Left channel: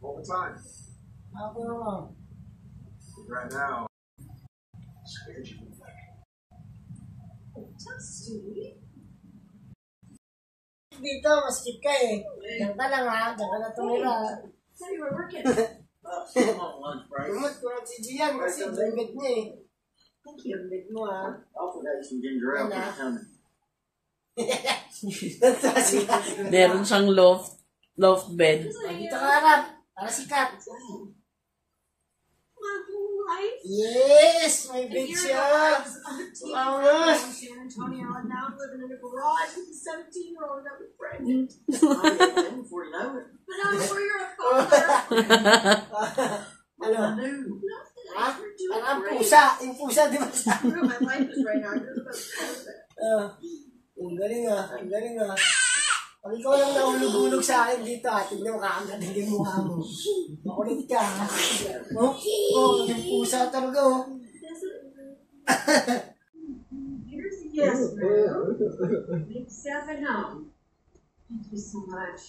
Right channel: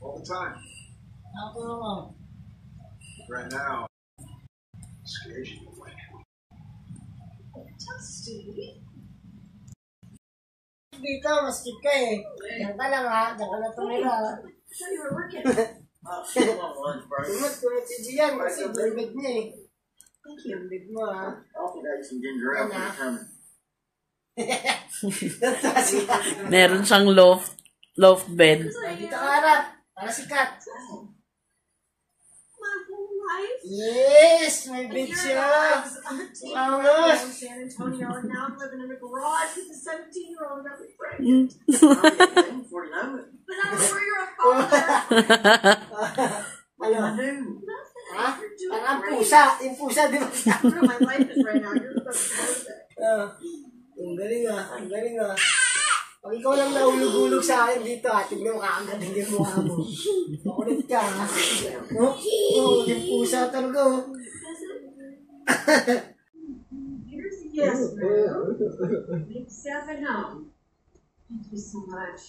All the time. Ako naman. Right now, scares you away. Dito, maskip ka eh. Diyan ka lang ha. Diyan ka na tumira. So you were working. Kumot si Gian kasi bed niya eh. Thank you. Bed mo ha. I'll put out some ginger ale for the coming. Meron siyang loft bed. Dito ka harap. Para sikat. My whole life. Yes! May bed siya. Angas. In San Antonio, and now I'm living in a garage with a 17-year-old that was pregnant. Before you know it. But I'm sure you're a father. Ano? I do. Ha? You're doing Parang great. pusa. Yung pusa, di ba? Where my life is right now. You're supposed to know that. Ang galing ah. Ang galing ah. Pag ikaw lang nahulog-hulog sa akin dito ha, tignan mo kakagaling yung mukha mo. Makulit ka ha. Yung pusa talaga oh. Here's the guest room. Big stuff at home. Thank you so much.